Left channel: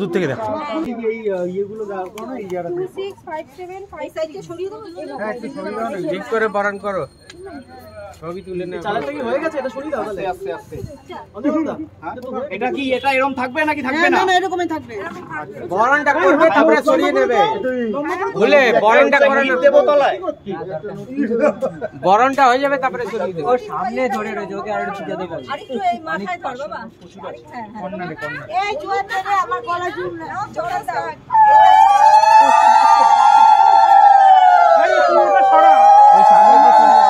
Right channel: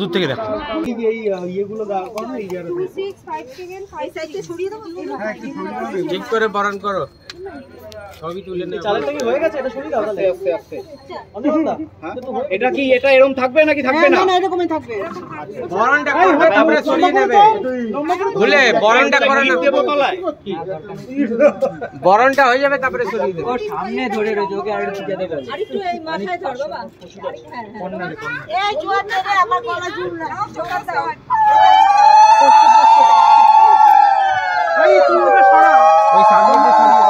দূর থেকে দেখ ঠিক করে বরণ করো ছবি তুলে নে হয়ে গেছে এটা সরিয়ে দাও তাহলে আস্তে আস্তে এটা কি এটা এরকম থাকবে নাকি থাকবে না না এরকমই থাকবে বরণটা করবে তারপরে সরিয়ে নেবে ভুলে বরণটা করে দেব তলায় বরণটা হয়ে যাবে তারপরে সরিয়ে দেবে ও সামনে ধরে রয়েছে ওকে আর একটু যেতে বল আরেকটু এই মাথায় ধর বাবা কোন নালে কোন এই জোয়ার থেকে আমার গলা ঝুল না ছোটা দাও আরে তুমি সরা ওই সামনে যে সরিয়ে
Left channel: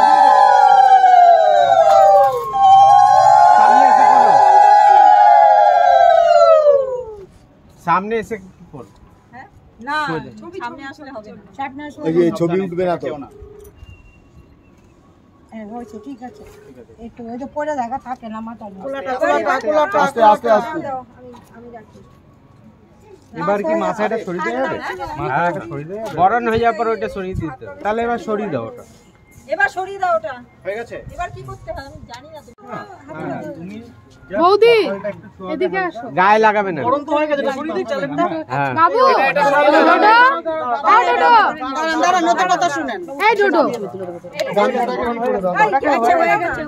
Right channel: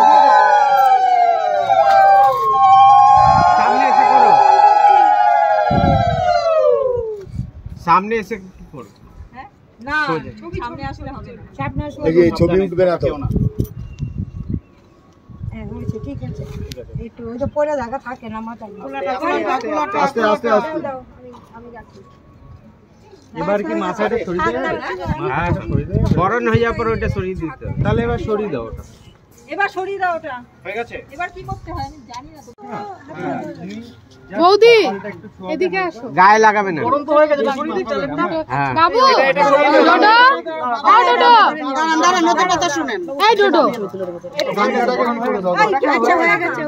সামনে এসে কি করব হ্যাঁ না সামনে আসলে হবে না সামনে আসলে এই ছবি উঠবে না তো হ্যাঁ হয়েছে ঠিক আছে একটু ওই তো পড়ে জায়গা থাকে না মাথা কোলাটা আস্তে আস্তে আস্তে আমি রাখি এবার কি মাথাটা সরিয়ে দেবে হ্যাঁ সরিয়ে দেবে বরণ হয়ে যাওয়ার পর ওটা সরিয়ে দিতে তাহলে এবার সরিয়ে দাও ওটা এবার সরিয়ে দাও ওটা হয়ে গেছে এবার কি করতে হয় আমি জানি না তো বৌদি এদিকে আসো গায়ে লাগাবে না গরম তো হয়ে গেছে সরিয়ে দিই চলেন না হ্যাঁ বাবু দাঁড়ান নতুন কথা শুনেন এই ডোডো আচ্ছা হয়ে গেছে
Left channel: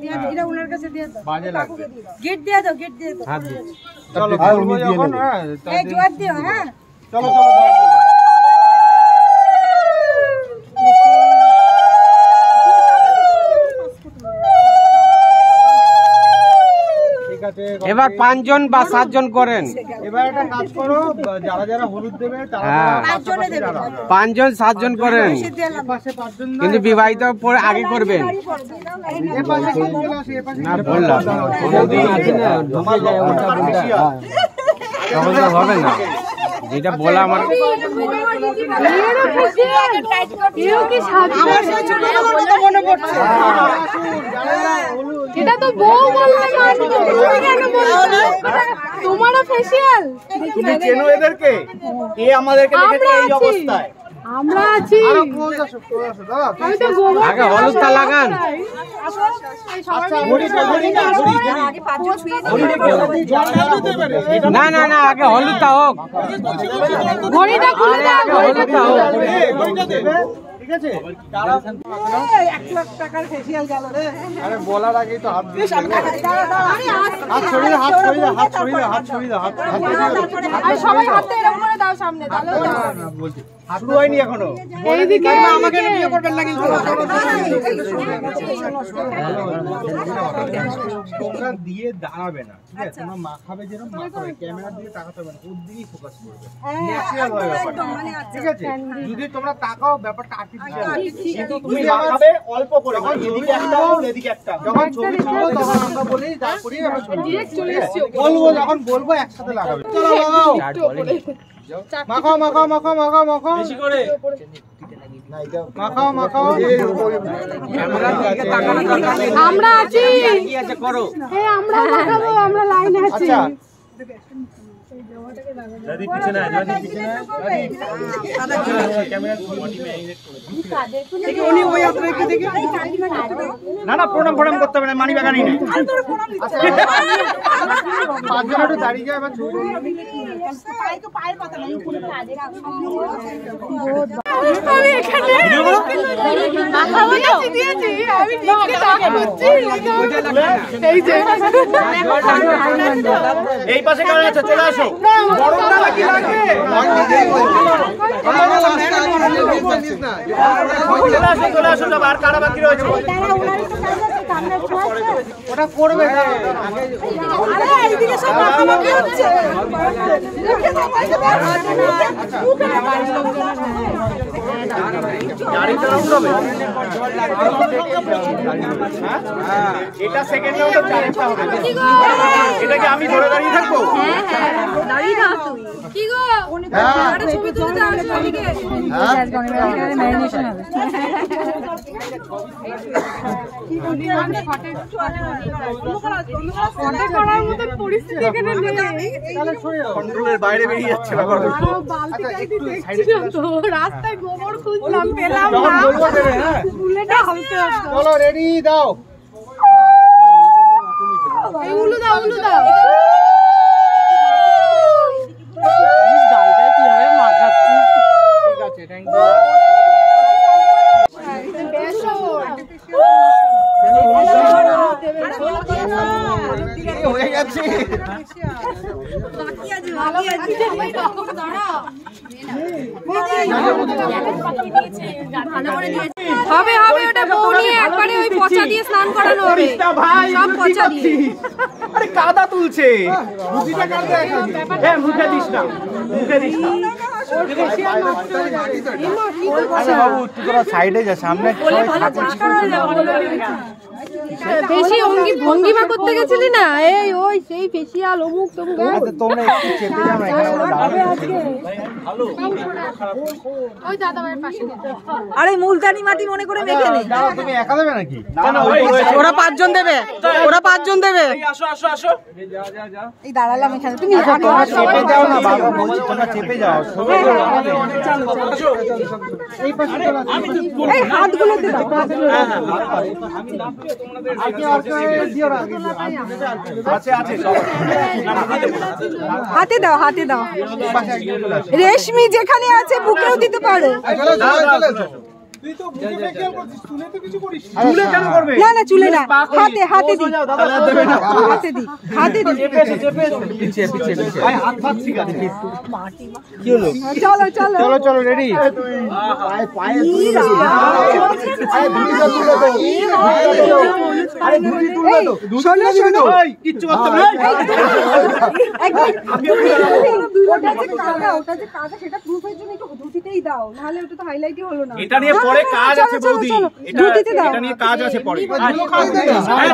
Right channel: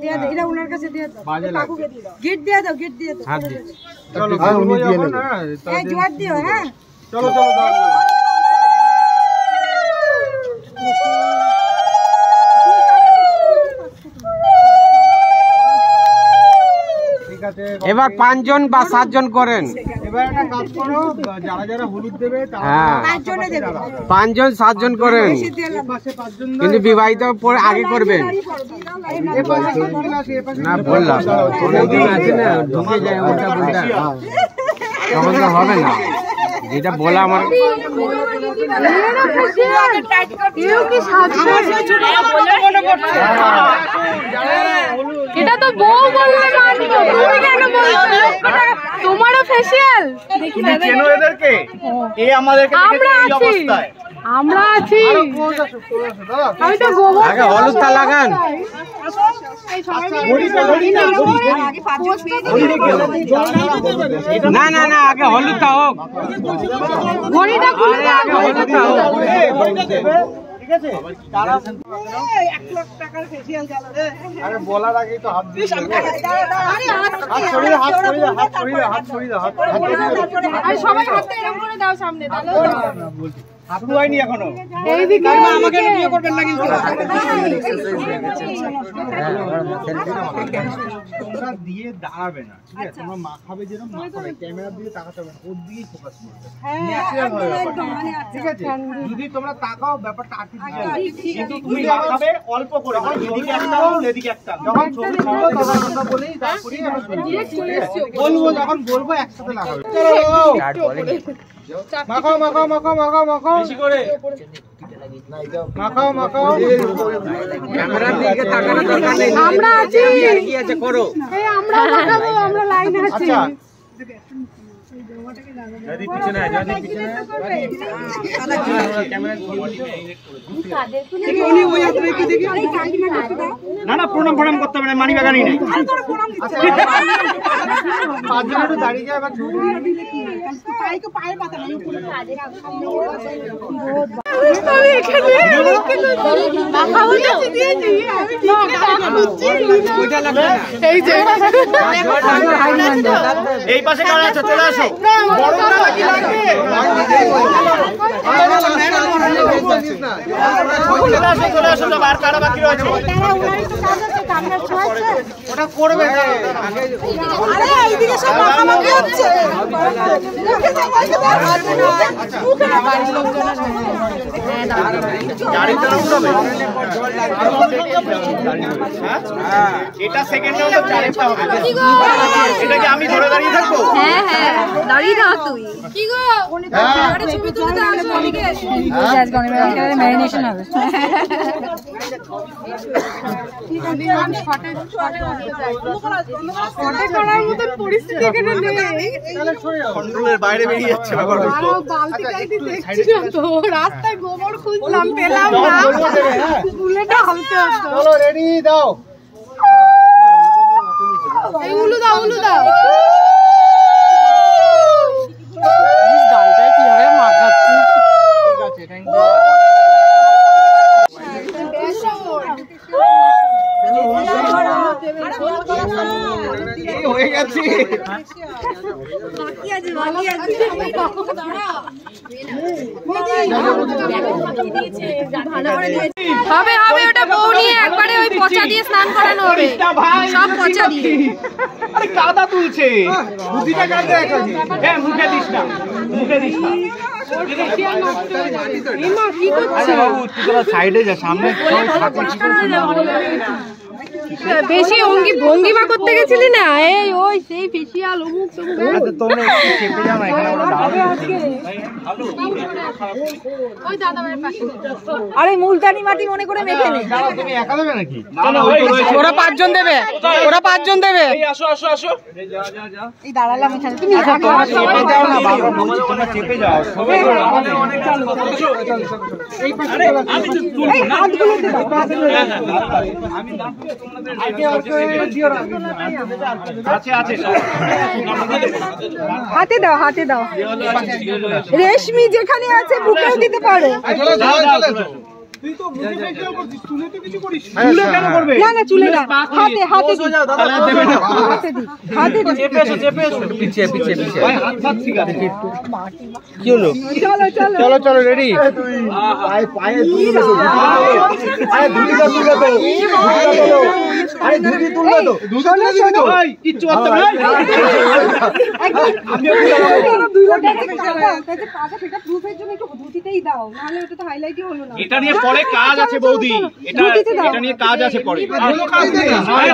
দিয়ে দাও এটা ওনার কাছে দিয়ে দাও বাজে লাগে গেট দিয়ে দাও হাত দিয়ে চলো আর উনি দিয়ে নেন এই জোয়ার দিও হ্যাঁ চলো চলো দাও এবার 5 জন বা 7 জন করেন এবার একটা কাজ করো যারা যারা হলুদ দেবে তারা 5 জনে দেবে 5 জন 7 জন করেন কিন্তু বিবাহিত পরে আগে করবেন না বললাম অনেকদিন আছে না ঢুকে যায় ওটা বলটা তখন তো হবে না যেটা বলা আমার এটা তো বউ বললে কেন বলছো তোমারও ফেসিয়াল দেখি না চেনো এদেরকে এ আমাদেরকে দেখে এই অবস্থায় আমরা আছি আমি তো গোবর আগে হলুদটা লাগান না না না আগে হলুদটা হোক ঘড়িটা আগে হলুদটা হোক ঠিক আছে 1 লাখ টাকার ফেসিয়াল গেল রে আরে বলার আগেই তো হাত দিয়ে হাত ছড়িয়ে আর সবাই হাতটা এরকম করে দাও সামনে তাহলে বলছি শুরু হয়নি এখনো এইদিকে আমাকে বিয়ে করবেন না কিন্তু তোমরা দিয়ে দাঁড়াবে না ঠিক আছে তোমরা মাখাবে যেরকম মাখাবে ক্যামেরা দিয়ে তাকাতে হবে না ওর দিকেই ফোকাস করবে ন্যাচারাল ভাবে ঠিক আছে যদি তোমরা তাকাও ব্যাপারটা আর্টিফিশিয়াল কিন্তু তুমি মাখাবে অল্প করে এদিকে একটা এদিকে একটা যখন ছবি তুলবো তখন আমরা বলি তারপরে ডিরেক্ট চলে এসেছি বলবো যখন বলবো একসাথে লাগাবে চলো স্টার্ট বলেন মাখাও মাখাও মাখাও মাখাও মাখাও বেশি করে মাখাও মাখাও ক্যামেরার দিকে তাকানো দরকার নেই আমরা আছি কি আছে করো এই আমরা মাখাবো আমরা লাইনে আছি আচ্ছা যদি পিছনে আয় যদি পিছনে ক্যামেরা বডি মে ইনজেক্ট করে দেখি উনি ওই হাত রেখে দেখি না না প্রণাম করতে হবে না মানি ব্যাগ আনি নাই পাঁচ জন একটু দাঁড়িয়ে যায় এবার ছবি পায়ের পাতা নাই উপরে আমি এখানে মাখাবো না দিয়েছি আমি এই যে এই পাশে কারা আছে চলে আসো বড়টা নাকি লাগবে চলে আসো সব আর কারা বাকি রয়েছে ওটা করবে আগে এইদিকে সব মাখামাখি হচ্ছে গাড়িটা উঠবে এটা সেকেন্ড রাউন্ডে চারটা হবে এটা কি আমি ধরে দাঁড়িয়ে থাকবো হ্যাঁ হ্যাঁ দাঁড়িয়ে না তুই কি গো আরে ছবি তুলতে আসো এদিকে ম্যারিনেশন হবে করার মতো পরিস্থিতি এখানে নেই, কন্ট্রোলের বাইরে বেরিয়ে যাচ্ছে ব্যাপারটা। রাস্তায় গোবর খুঁজলাম, পেলাম না। বুলেটটা হালতে হতো। চলো রেডি দাও। এই উলু দাও, উলু দাও। ঠিক আছে, থ্যাংক ইউ। হয়ে গেছে। হবে হবে, ওটা বউ নিয়ে একবারে ওই পচা দিয়ে স্নান করানো হবে, সব পচা দিয়ে। আরে কাদা তুলছে, বুদ্ধিটা কাটতে রাখছি। এ মুখে দিস না, মুখে দিস না। আরে বাবু তুই তোরা সাইডে যা, সামনে বেশি ভঙ্গিমা করতে গেছিলি না, এই ওই সেই ফেসিয়াল অমুক তমুক। তোমরা একটু চেপে যাও না, এখানে ওরা দাঁড়াবে। ওই দাদা ভাইয়ের পাশে। আরে মুলতানি মাটি মনে করে মেখে নে। দাঁড়াও, তুমি একা দেবে নাকি? ওরা 5 জন দেবে, ওরা 5 জন দেবে। আসো আসো আসো। এই দাঁড়ালাম এখানে, তুমি তোমরা চেপে যাও না বাবা, বলছি তোমরা চেপে যাও। সবাই আমাদের অনেক চাল কথা। এই পাশে আমি তো এই হাতগুলো দে দাও। আমি না তোমাদের দিও না। আছে আছে সব। হাতে দাও, হাতে দাও। রেশমি যেখানে আছে বুকেও দিতে পারো। তুই তো বুকে খেয়াল করছিস, চুলে তো কিছু করিস। চুলে কেন করবে? না না চুলে না, হাতে হাতে দি, হাতে দি, হাতে দি। চেপে এসো, চেপে এসো। পিছে পিছে পিছে। ভাই হাত হাত ঠিক আছে। কি হলো? চলো চলো চলো চলো রেডি। পায়ে পায়ে তুলে দাও। আরে ধুতি তো তুলে দাও। আরে ধুতি তুলে দাও। শোনো শোনো, ভাই কিচ্ছু হচ্ছে না। আমি সেটা প্রুফের জন্য একটু ধুতিতেই দাও, নাহলে ওটা তো হাইলাইটই হলো না। এটা নিয়ে পরে কাজ আছে বৌদি, এটা এটা নিয়ে কাজ আছে পরে। কোনো কাজ নেই।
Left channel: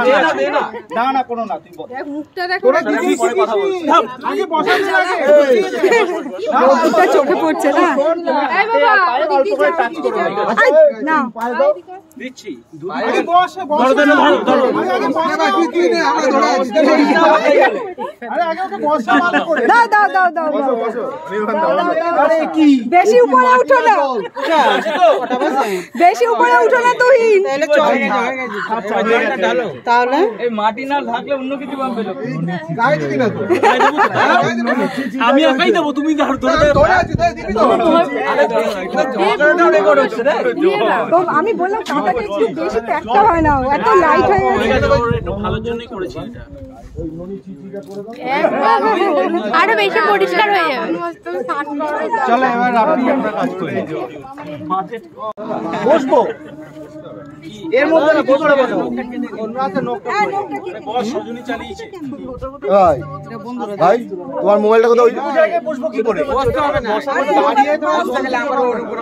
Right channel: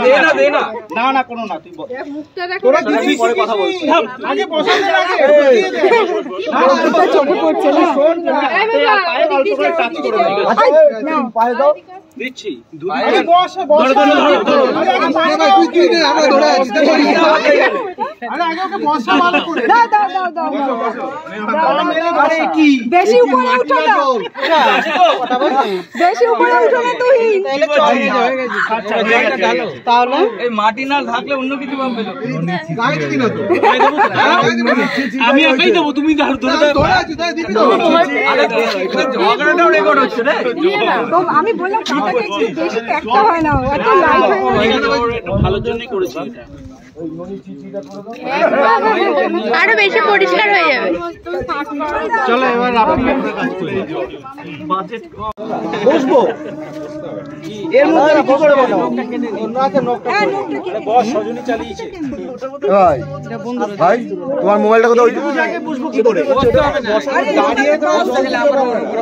দে না দে না। না না কোনো না, তুই বল। মুখটা দেখো, তোরা দিদি আগে বসাতে লাগে। মুখটা চোখে পড়ছে না। এই বাবা ওদিক দিয়ে টাচ করো। না পায়ে দাও। দিচ্ছি। আরে বস বস। ধরো ধরো। আগে পায়ে দাও। তুই কি দে, আমরা ধরে আছি। আরে আগে ওকে বসা ভালো করে। দাও দাও দাও দাও। আরে কি বেশি উপরে উঠো না, বেশি উপরে উঠো না তুই। তাহলে এই মাটি না থাকলে অন্য কিছু পাবে লোক। গাইতে দিন তো। আমি একাই দেব, তুমি ধরে ধরে আছি, তাই দিবি তো। আরে ঝগড়াটাও রেকর্ড হচ্ছে রে। তো আমি বললাম কাটাটা একটু বেশি প্যাকটা হয় না, এত লাইট হয়ে গেছে। ভালোর জন্যই করেছি এটা। আরো বেশি পরিষ্কার হয়ে যাবে। চলো এবার আপনি একটা কাজ করি। বাজেট বসবো এর মধ্যে কি করে বলো? অন্য আছে নকটা। আরে বস সজনী চালিয়েছে। ভাই ভাই তোমার মোবাইলটা কোথায়? ওই জায়গায় বসবো কি করে? বসতে হবে না। দাঁড়িয়ে তো বসতে গেলে আবার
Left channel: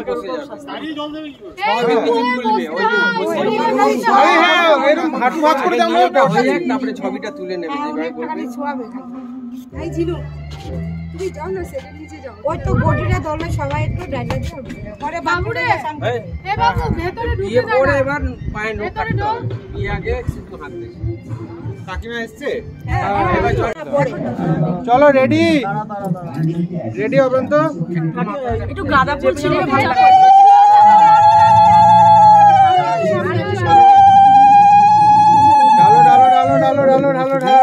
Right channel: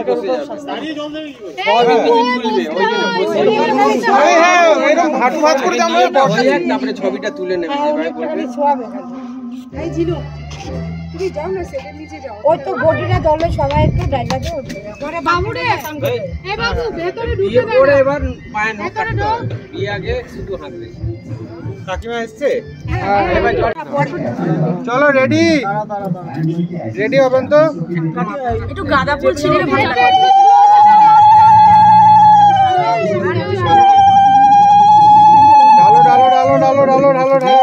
বসে যাবে। দাঁড়িয়ে জল দেবে কি করে? সবই কিছু খুলবে। ওই যে বসে। আরে হ্যাঁ এরকম হাঁটু ভাঁজ করে আমরা বসে তারপরে ছবিটা তুলে নেবে যেভাবে বলবে। এই জিনু তুমি যাও না, সেটের নিচে যাও। ওই তো বডিটা দলে সবাই একটু ডাইলা দিয়ে উঠবে। পরে বাবুরে এ বাবু ভেতরে ঢুকে যাও। পরে এবার পায়ে নখ কাটতে হবে। এই আগে শুধু হাত দিস। কাকিমা এসেছে? হ্যাঁ এবার চলো রেডি। রেডি হবেন তো? একটু গাঁদা ফুল ছিঁড়লে ভালো লাগে। ডালো ডালো ডালো ডালো ডালো ডালো ডালো।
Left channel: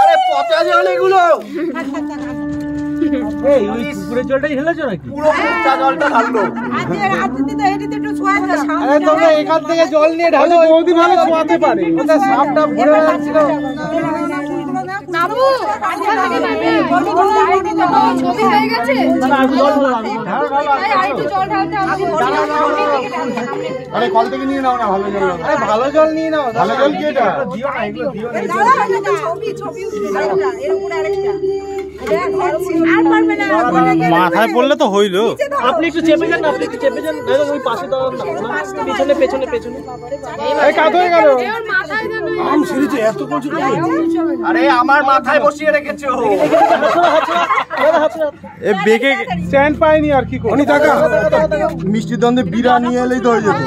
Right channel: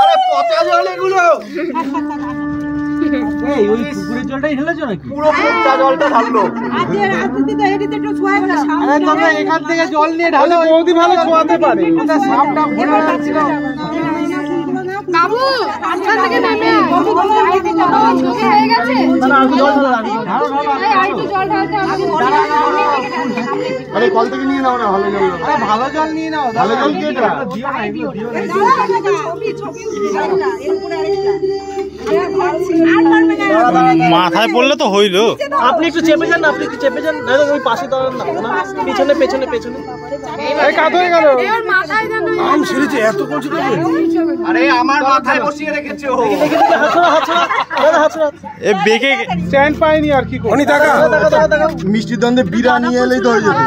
আরে পচা জল এগুলো। এই ওই পুকুরের জলটাই ঢেলেছো নাকি? পুরো পচা জলটা ঢাললো। আজকে তো এদিকে একটু ছোঁয়াবে। আরে তবে এখান থেকে জল নিয়ে ঢালে বৌদি ভালো ছোঁয়াতে পারে। ওটা সাপটা ভরে যাচ্ছিল। বাবু ওখান থেকে নেমে আয়, দিতে হবে, ছবি হয়ে গেছে। আর একটু জল ঢালতে হবে। আরে কল থেকে নিয়ে নাও না, ভালো জল। আরে ভালো জল নিয়ে নাও। ভালো জল কে এটা? ছবি ছবি আরেকটা এর উপরে আরেকটা। আর পারবে না। মাথায় পড়লে তো হইলো। আপনি একটু চেপে যান না, আপনি একটু চেপে যান। দাদা ওই পাশে দাঁড়ান না। পেছনে পেছনে পেছনে। এই কাজ হয়ে গেল। এবার মাথায় দেন। আম ছিঁড়েছে এত করছে। আরে আমার মাথায় বসিয়ে রেখেছে ও। এ বেকে স্ট্যান্ড পায়নি আর কি অনি টাকা মিষ্টির দ্বন্দ্বে বিরা নিয়ে এলেই তো হয়ে যেত।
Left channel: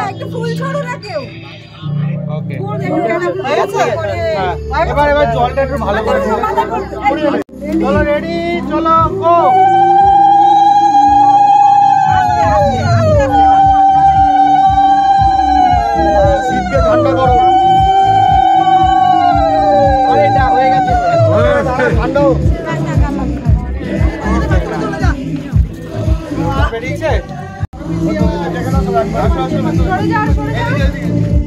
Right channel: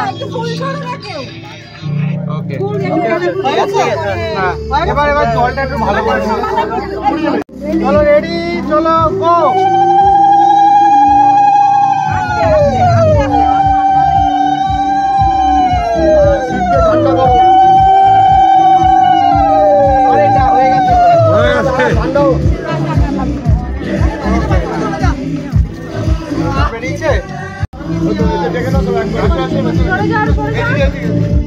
ওকে এবার জলটা একটু ভালো করে চলো রেডি চলো গো শীতকে ঠান্ডা করো। আরে এটা হয়ে গেছে ঠান্ডা হোক। বেরিয়েছে সরে যা, সরে যা।